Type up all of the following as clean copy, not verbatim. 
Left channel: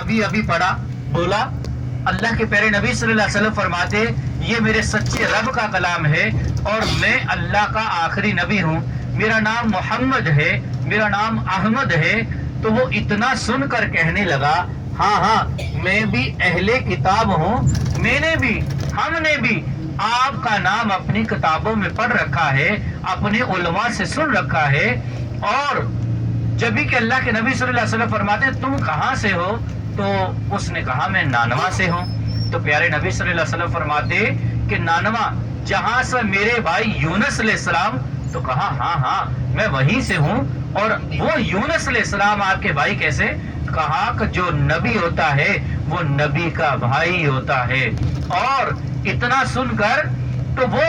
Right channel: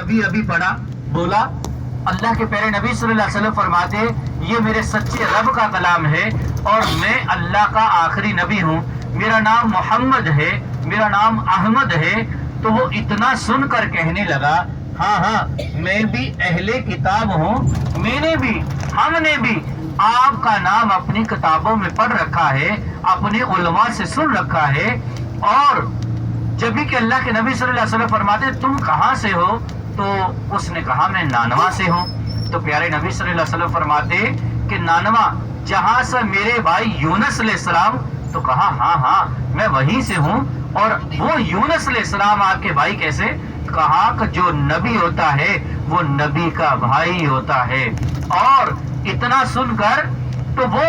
ابھی ابھی پڑھا بولا اللہ کے پیارے نبی صلی اللہ علیہ وسلم فرماتے یہ میرے سچے رب کا کلام ہے اور میں اللہ کا آخری نبی ہوں، میرا نام محمد ہے، میرا نام احمد ہے۔ تو وہ اتنا سن کر کہنے لگا ہاں میں بھی اہل کتاب ہوں، میں نے بھی، ہم نے بھی آپ کا نام اپنی کتابوں میں پڑھ رکھا ہے، اپنے علماء سے سن رکھا ہے۔ اور جب بھی کہ اللہ کے نبی صلی اللہ علیہ وسلم فرماتے تم کہاں سے ہو، تو اس نے کہا میں نانوا سے ہوں۔ تو پیارے نبی صلی اللہ علیہ وسلم فرماتے کہ نانوا جہاں سے میرے بھائی یونس علیہ السلام، تو کہا ہاں میں وہیں سے ہوں۔ اور وہ یونس علیہ السلام آپ کے بھائی کیسے؟ کہا کہ جو نبی ہوتا ہے وہ نبی کا بھائی ہوتا ہے۔ اور اتنا سن کر تو وہ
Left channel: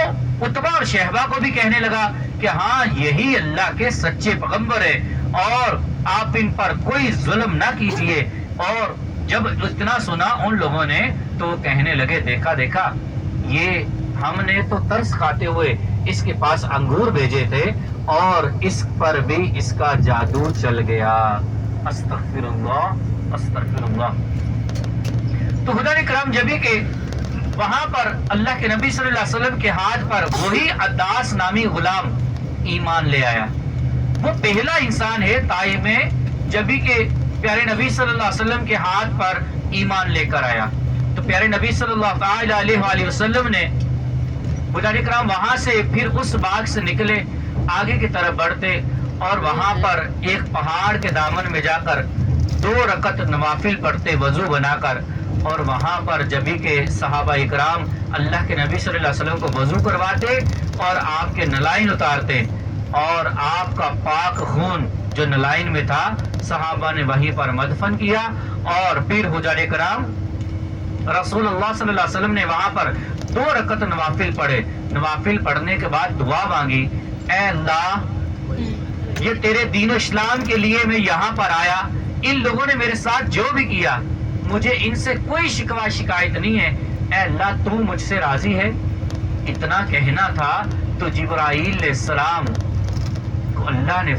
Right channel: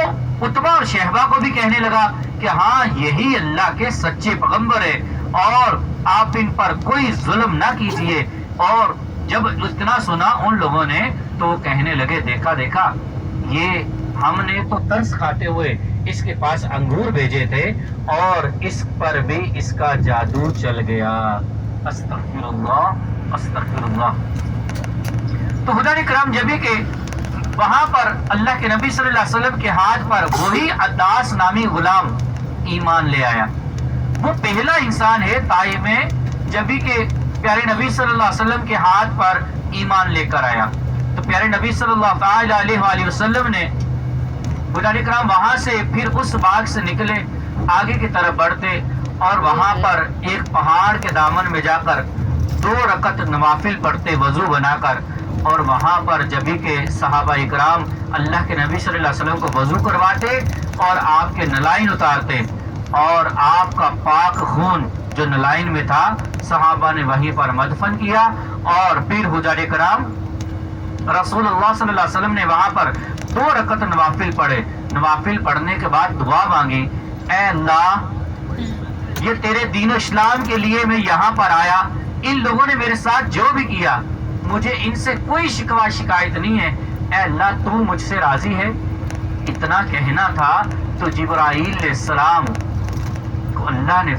عتبہ اور شہبہ کو بھی کہنے لگا کہ ہاں یہی اللہ کے سچے پیغمبر ہے اور آپ ان پر کوئی ظلم نہ کیجیے۔ اور جب اتنا سنا ان لوگوں نے تو وہ کہنے لگے دیکھا یہ ہم نے تو ترس کھاتے ہوئے اس کے پاس انگور بھیجے تھے اور اس پر بھی اس کا جادو چل گیا۔ استغفر اللہ استغفر اللہ۔ تو حضرات کرام جب کہ وہاں پر اللہ کے نبی صلی اللہ علیہ وسلم کے ہاتھ پر وہی عداس نامی غلام ایمان لے آیا۔ وہ پہلا انسان ہے طائف میں جب کہ پیارے نبی صلی اللہ علیہ وسلم کے ہاتھ پر ایمان لے کر آیا۔ تو پیارے نبی صلی اللہ علیہ وآلہ وسلم نے حضرات کرام وہاں سے پھر اس باغ سے نکلے، آگے کی طرف بڑھتے اور وہاں پر ایک پہاڑ کے دامن میں جا کر 2 رکعت نوافل پڑھتے وضو بنا کر۔ اور وہاں پر جبھی کے صحابہ اکرام اللہ کے نبی صلی اللہ علیہ وسلم کو وضو کرواتے اور آپ کے نلائن اتارتے اور آپ کا پاک خون جو نلائن میں تھا صحابہ نے وہیں پر مدفن کیا۔ اور پھر حضرات کرام رسول اللہ صلی اللہ علیہ وسلم نے وہاں پر 2 رکعت نوافل پڑھے۔ نوافل پڑھنے کے بعد دعا مانگی، اے اللہ یہ تیرے دین و اسلام کے لیے میں یہاں پر آیا، ان لوگوں نے میرے ساتھ جو بھی کیا مجھے ان سے کوئی شکوہ شکایت نہیں ہے، اے اللہ تو مجھ سے راضی ہے۔ اتنا کہنا تھا تو جبرائیل علیہ السلام کو اللہ نے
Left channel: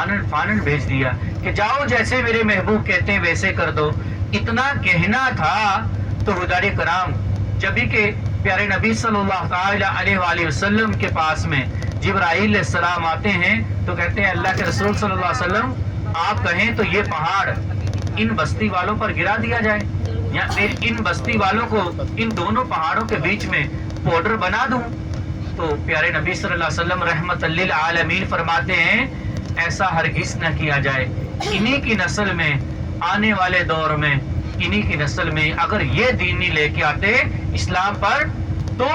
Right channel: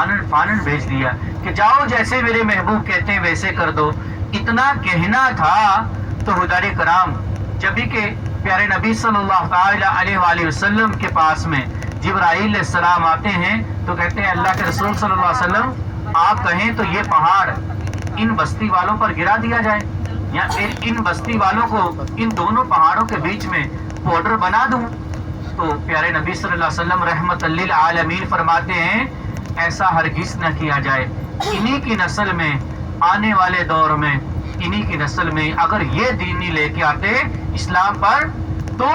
آنن فانن بھیج دیا کہ جاؤ جیسے میرے محبوب کہتے ہیں ویسے کر دو۔ اتنا کہنا تھا تو حضرات کرام جبھی کہ پیارے نبی صلی اللہ علیہ وآلہ وسلم کے پاس میں جبرائیل علیہ السلام آتے ہیں تو کہتے ہیں اللہ کے رسول صلی اللہ علیہ وسلم آپ کہیں تو یہ پہاڑ ان بستی والوں پر گرا دیا جائے یا پھر ان بستی والوں کو ان دونوں پہاڑوں کے بیچ میں پوڈر بنا دوں۔ تو پیارے نبی صلی اللہ علیہ وسلم رحمت للعالمین فرماتے ہیں ایسا ہرگز نہ کیا جائے، انہی کی نسل میں آنے والے دور میں انہی کی نسل میں اگر یہ دین نہیں لے کے آتے اسلام پر تو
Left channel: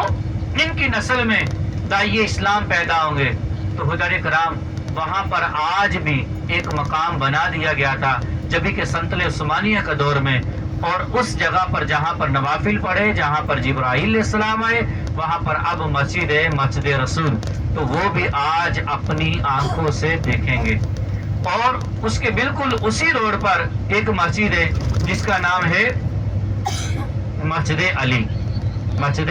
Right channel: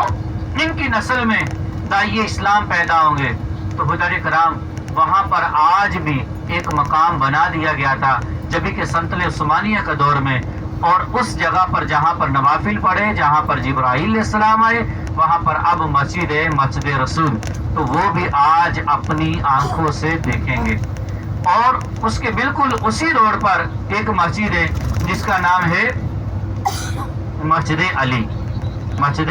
ان کی نسل میں داعیے اسلام پیدا ہوں گے۔ تو حضرات کرام وہاں پر آج بھی ایک مقام بنا دیا گیا تھا جبھی کہ سلطنت عثمانیہ کا دور میں، اور اس جگہ پر جہاں پر نوافل پڑھے جہاں پر جبرائیل علیہ السلام آئے وہاں پر اب مسجد ہے، مسجد رسول، تو وہ بھی آج اپنی آنکھوں سے دیکھیں گے۔ اور اس کے بالکل اسی روڈ پر ایک مسجد ہے جس کا نام ہے مسجد علی۔ مسجد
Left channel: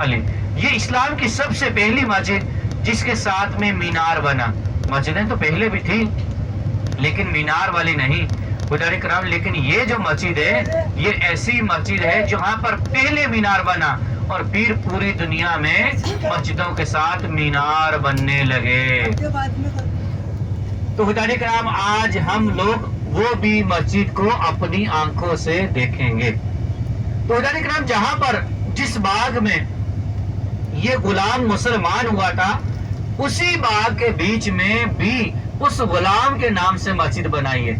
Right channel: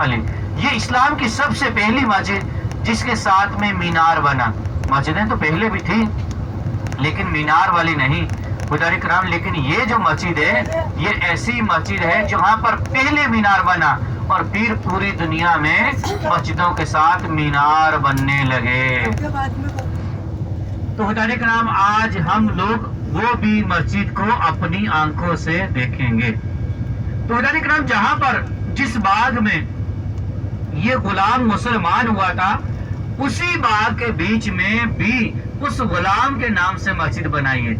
علی یہ اسلام کی سب سے پہلی مسجد جس کے ساتھ میں مینار بنا۔ مسجدیں تو پہلے بھی تھی لیکن مینار والی نہیں حضرات کرام، لیکن یہ جو مسجد ہے یہ ایسی مسجد ہے جہاں پر پہلے مینار بنا اور پھر پوری دنیا میں مسجدوں کے ساتھ مینار بننے لگے۔ تو حضرات کرام آج ہم لوگ وہ بھی مسجد کو اپنی آنکھوں سے دیکھیں گے۔ تو حضرات کرام جہاں پر جس باغ میں یہ غلام مسلمان ہوا تھا اسی باغ کے بیچ میں بھی اس غلام کے نام سے مسجد بنائی ہے۔